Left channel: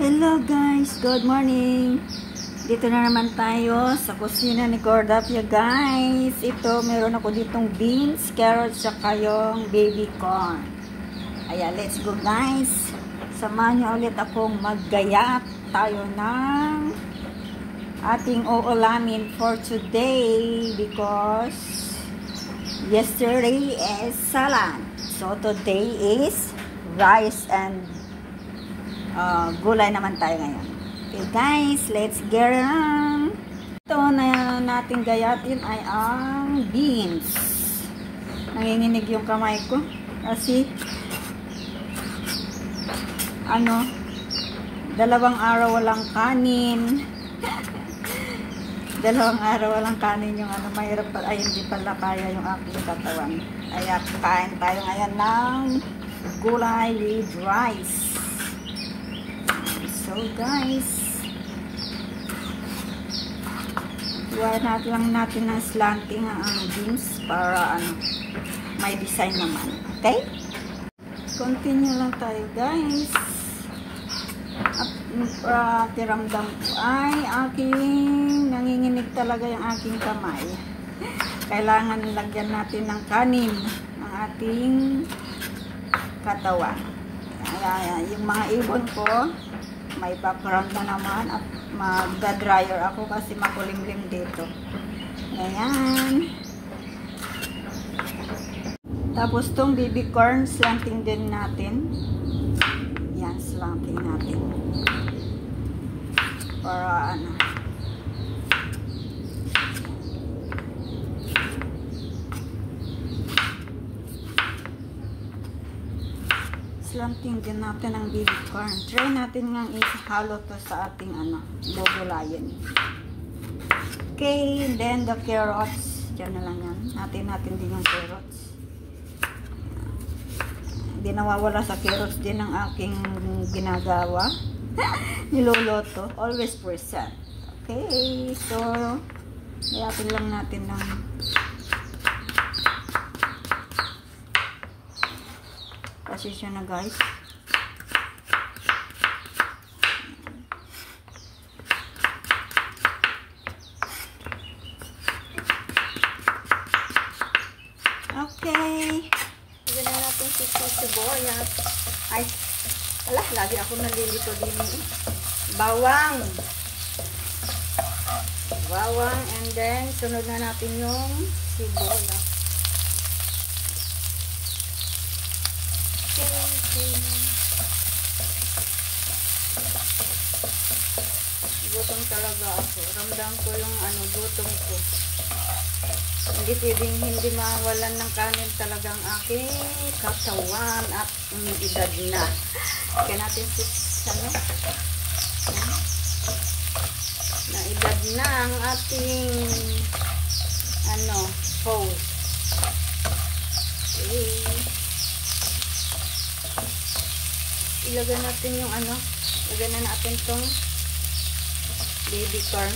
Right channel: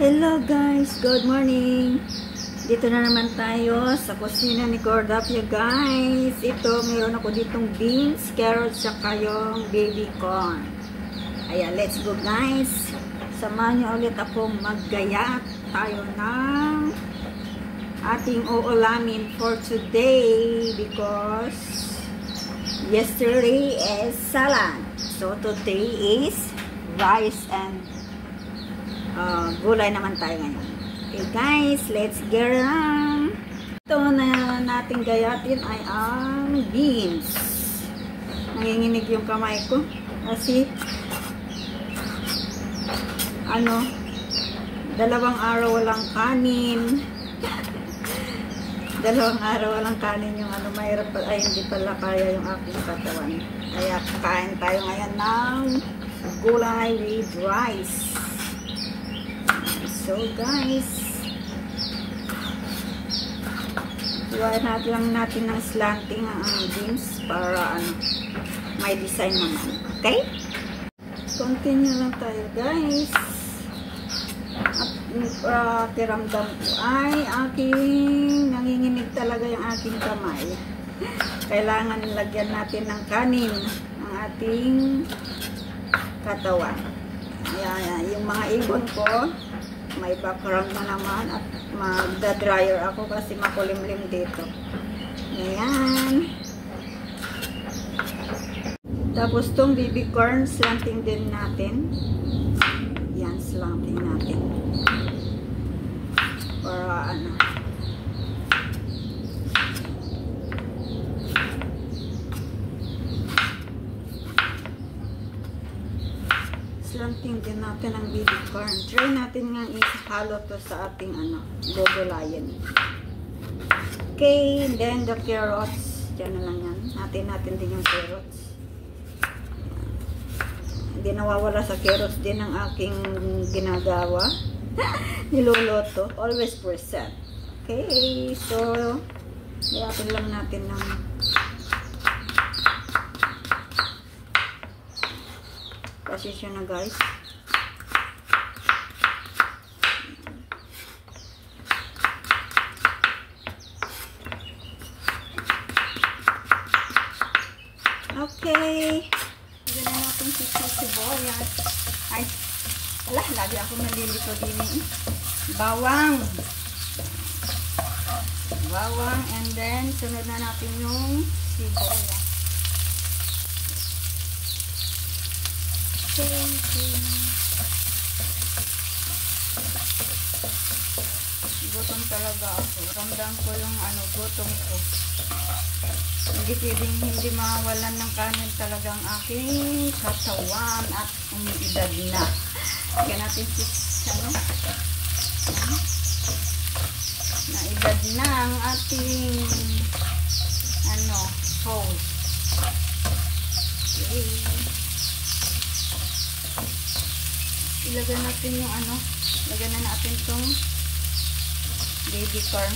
Hello guys, good morning. Dito na naman tayo sa kusina ni Cordapia guys. Ito, meron ako ditong beans, carrots, saka yung baby corn. Ayan, let's go guys. Samahan niyo ulit akong maggayat tayo ng ating uulamin for today because yesterday is salad. So today is rice and gulay naman tayo ngayon. Okay guys, let's get on. Ito na natin gayatin ay ang beans. Nanginginig yung kamay ko kasi dalawang araw walang kanin. Dalawang araw walang kanin yung mahirap pala, ay hindi pala kaya yung aking katawan. Kaya kakain tayo ngayon ng gulay with rice. So guys, iwan natin ng slanting ang beans para may design naman. Okay? Continue lang tayo guys. At tiramdam ko ay nanginginig talaga yung aking kamay. Kailangan lagyan natin ng kanin ang ating katawan. Ayan, yung mga ibon ko may background na naman at magda-dryer ako kasi makulimlim dito. Ayan. Tapos tong baby corn, slanting din natin. Yan, slanting natin. Para slanting din natin ang baby corn. Try natin nga ihalo to sa ating gugulayan. Okay, then the carrots. Diyan na lang yan. Natin din yung carrots. Hindi nawawala sa carrots din ang aking ginagawa. Niluluto. Always present. Okay, so nilapin lang natin ng pasisyon na guys. Okay. Lagyan na natin si sibuyas. Ay, lagi ako nalilito din. Bawang. Bawang and then sunod na natin yung sibuyas. Gutom talaga ako. Ramdam ko yung gutom ko. Hindi pwedeng hindi mawalan ng kanin talagang aking katawan at umiidad na. Kaya natin naidad na ang ating host. Okay. Ilagay natin yung lagyan na natin tong baby corn.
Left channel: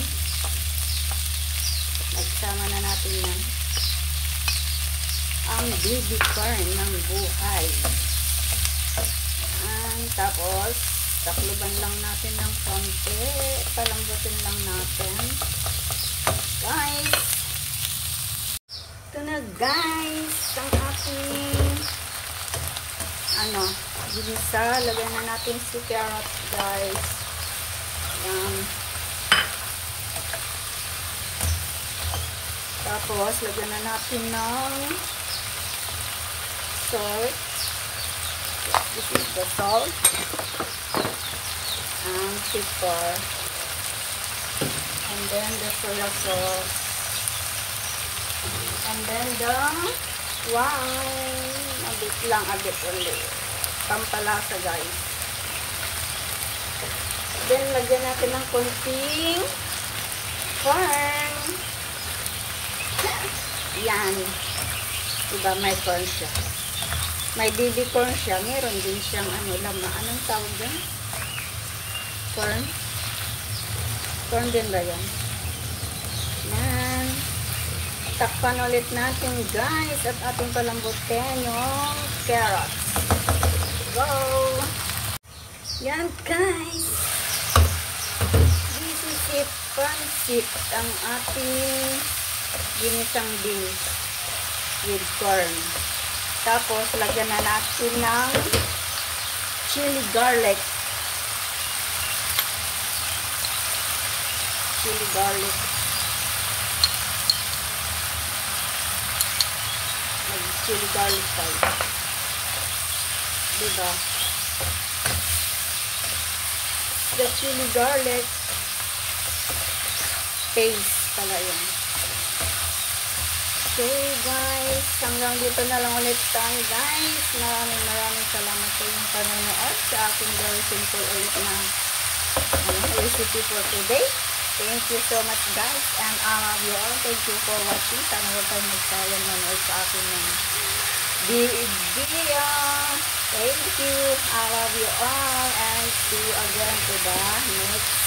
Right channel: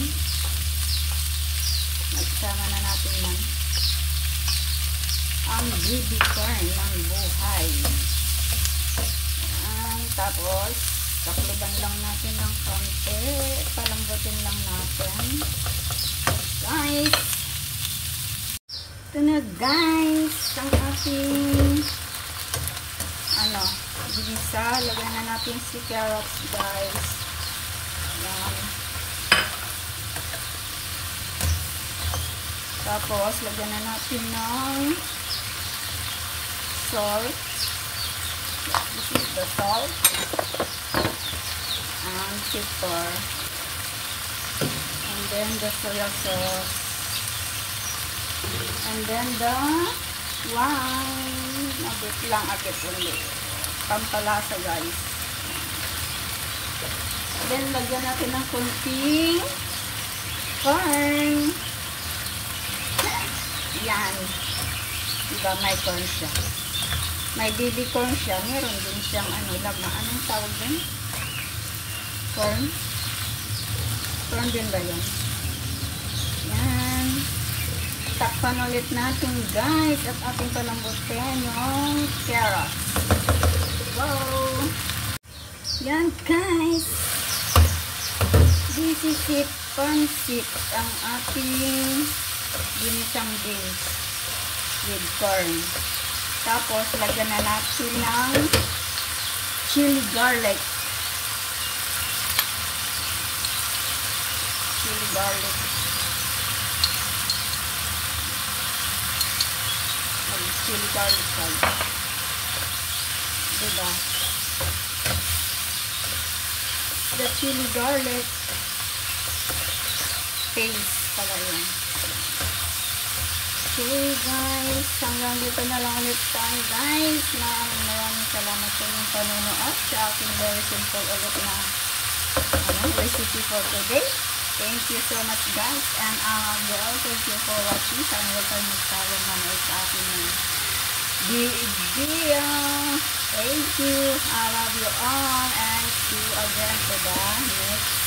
Nagsama na natin yan. Ang baby corn ng buhay. Tapos takluban lang natin ng konti. Palambutin lang natin. Guys! Ito na guys! Ang ating ginisa. Lagyan na natin si carrots guys. Tapos lagyan na natin ng salt. This is the salt and pepper and then the soya sauce and then the wine. A bit only. Pampalasa guys. Then lagyan natin ng konting corn. Yan. Diba may corn siya. May baby corn siya. Meron din siyang laman. Anong tawag din? Corn? Corn din ba yan? Yan. Takpan ulit natin guys at ating palambutin yung carrots. Wow! Yan guys. This is it, pansit ang ating ginisang beans with corn. Tapos lagyan na natin ng chili garlic. Chili garlic. Chili garlic tayo. Diba? The chili garlic taste pala yun. So guys, hanggang dito na lang ulit tayo guys. Maraming salamat sa inyong panonood sa aking very simple ulit na recipe for today. Thank you so much guys, and I love you all. Thank you for watching. Sana huwag kayo magsawa manood sa aking video. Thank you. I love you all, and see you again to the next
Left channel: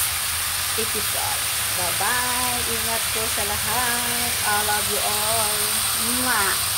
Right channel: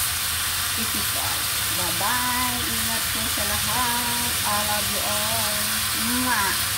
episode. Bye-bye. Ingat po sa lahat. I love you all. Mwah.